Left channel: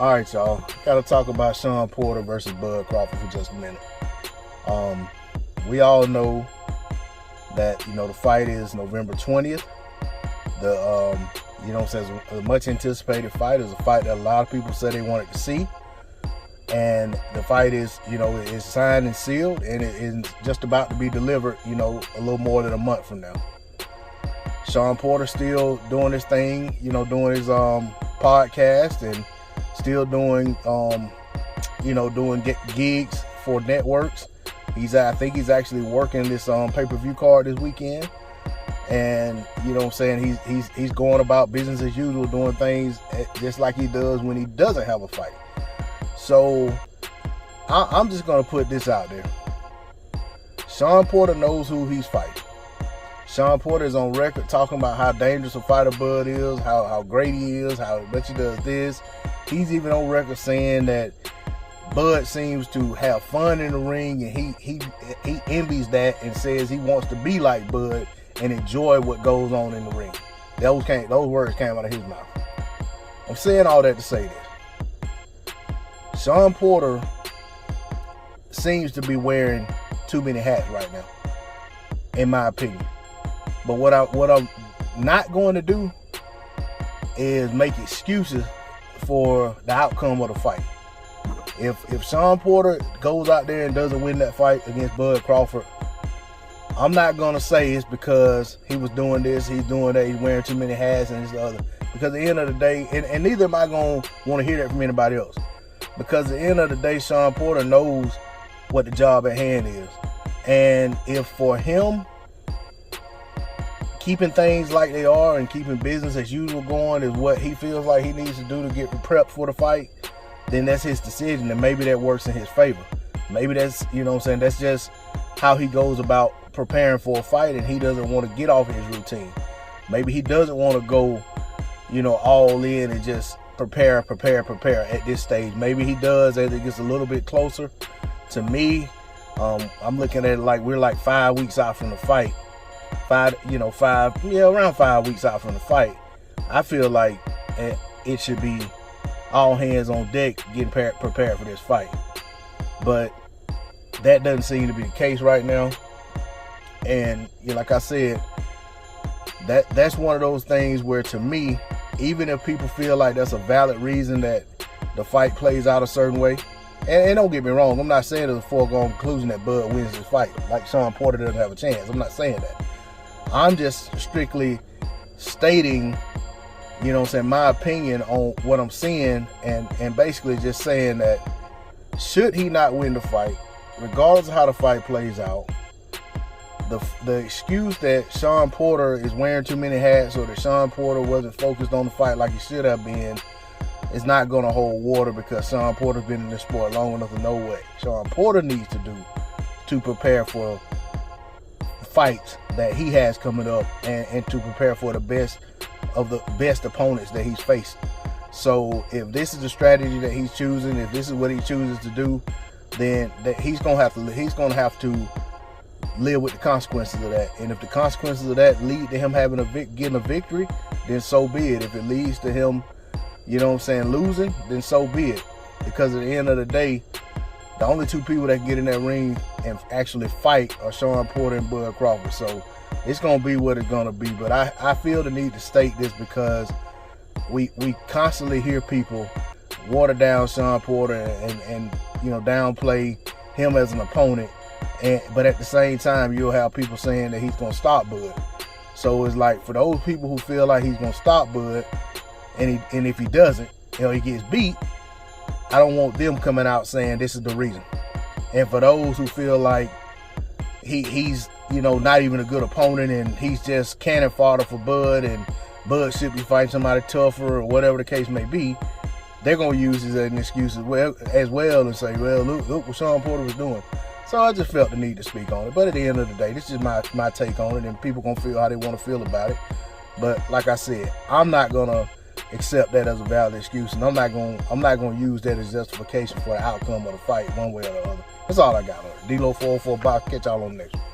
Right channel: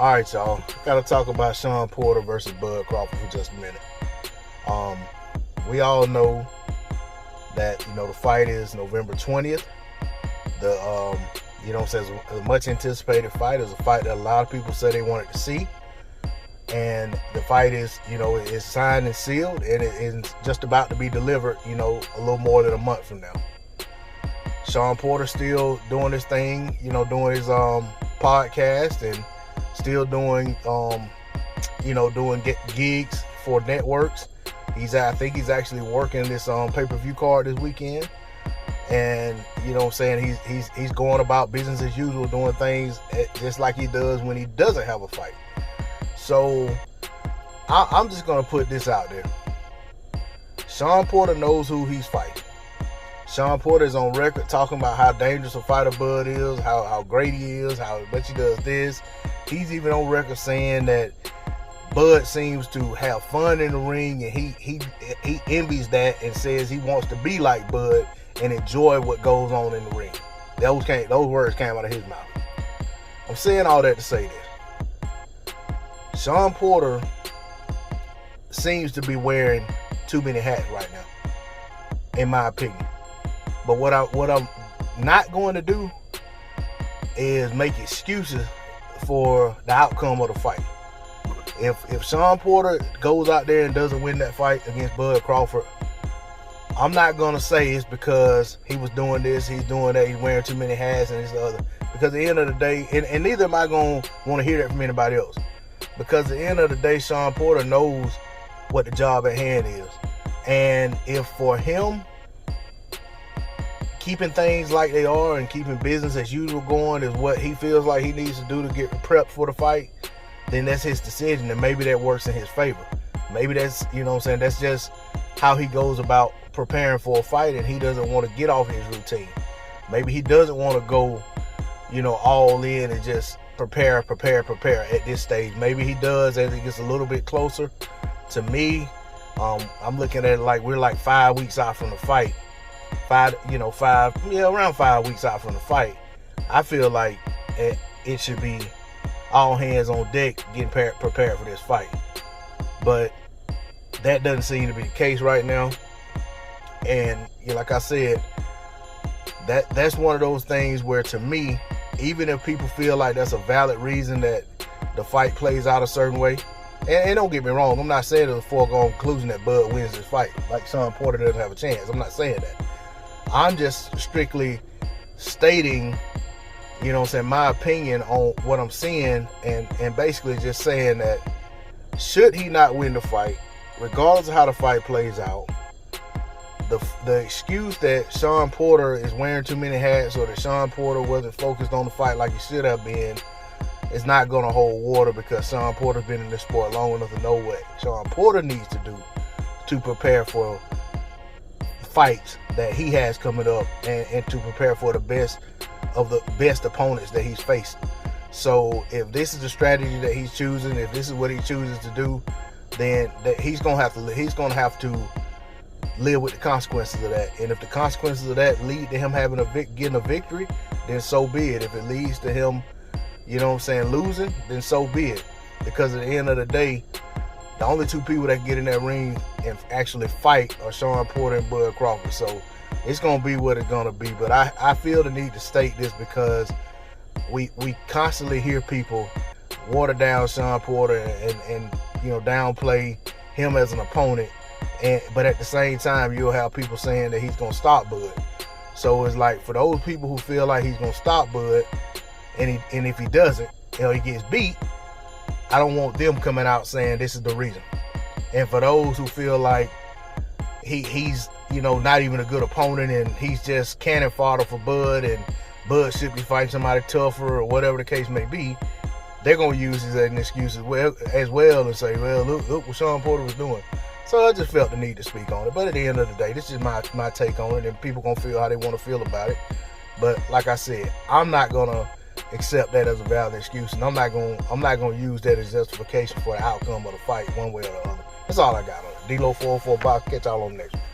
All right, y'all. Got to talk about Shawn Porter versus Bud Crawford for just a minute. We all know that the fight is November 20th. The says a much anticipated fight. Is a fight that a lot of people said they wanted to see, and the fight is is signed and sealed, and it is just about to be delivered. A little more than a month from now. Shawn Porter still doing his thing. Doing his podcast and still doing doing gigs for networks. I think he's actually working this pay-per-view card this weekend, and he's going about business as usual, doing things just like he does when he doesn't have a fight. So I'm just gonna put this out there. Shawn Porter knows who he's fighting. Shawn Porter is on record talking about how dangerous a fighter Bud is, how great he is, how much he does this. He's even on record saying that Bud seems to have fun in the ring, and he envies that and says he wants to be like Bud and enjoy what goes on in the ring. Those words came out of his mouth. I'm saying all that to say this. Shawn Porter seems to be wearing too many hats right now, in my opinion. But what I'm not going to do is make excuses for the outcome of the fight. If Shawn Porter goes out there and doesn't win that fight against Bud Crawford, I'm not going to say it's because he was doing this, he's doing that, he's wearing too many hats and this and the other. Because at the end of the day, and neither am I going to want to hear that from anybody else. Because at the end of the day, Shawn Porter knows what the job at hand is. And if for him, keeping things like they are and keeping business as usual going is what he feels like he needs to do to get prepped for the fight, then that's his decision, and maybe that works in his favor. Maybe that's, that's just how he goes about preparing for a fight, and he doesn't want to get off his routine. Maybe he doesn't want to go, all in and just prepare at this stage. Maybe he does as it gets a little bit closer. To me, I'm looking at it like we're like 5 weeks out from the fight. Around 5 weeks out from the fight. I feel like it should be all hands on deck getting prepared for this fight. But that doesn't seem to be the case right now. And like I said, that's one of those things where, to me, even if people feel like that's a valid reason that the fight plays out a certain way, and don't get me wrong, I'm not saying it's a foregone conclusion that Bud wins this fight, like Shawn Porter doesn't have a chance. I'm not saying that. I'm just strictly stating, my opinion on what I'm seeing, and basically just saying that should he not win the fight, regardless of how the fight plays out, the excuse that Shawn Porter is wearing too many hats or that Shawn Porter wasn't focused on the fight like he should have been is not going to hold water, because Shawn Porter's been in this sport long enough to know what Shawn Porter needs to do to prepare for fights that he has coming up, and to prepare for the best of the best opponents that he's faced. So if this is the strategy that he's choosing, if this is what he chooses to do, then he's gonna have to live with the consequences of that. And if the consequences of that lead to him getting a victory, then so be it. If it leads to him, losing, then so be it. Because at the end of the day, the only two people that can get in that ring and actually fight are Shawn Porter and Bud Crawford. So it's going to be what it's going to be. But I feel the need to state this because we constantly hear people water down Shawn Porter and downplay him as an opponent. But at the same time, you'll have people saying that he's going to stop Bud. So it's like, for those people who feel like he's going to stop Bud, and if he doesn't, he gets beat, I don't want them coming out saying this is the reason. And for those who feel like he's not even a good opponent and he's just cannon fodder for Bud, and Bud should be fighting somebody tougher or whatever the case may be, they're going to use this as an excuse as well and say, well, look what Shawn Porter was doing. So I just felt the need to speak on it. But at the end of the day, this is my take on it, and people going to feel how they want to feel about it. But like I said, I'm not going to accept that as a valid excuse, and I'm not going to use that as justification for the outcome of the fight one way or the other. That's all I got on it. D-Lo 404 Box. Catch y'all on the next one.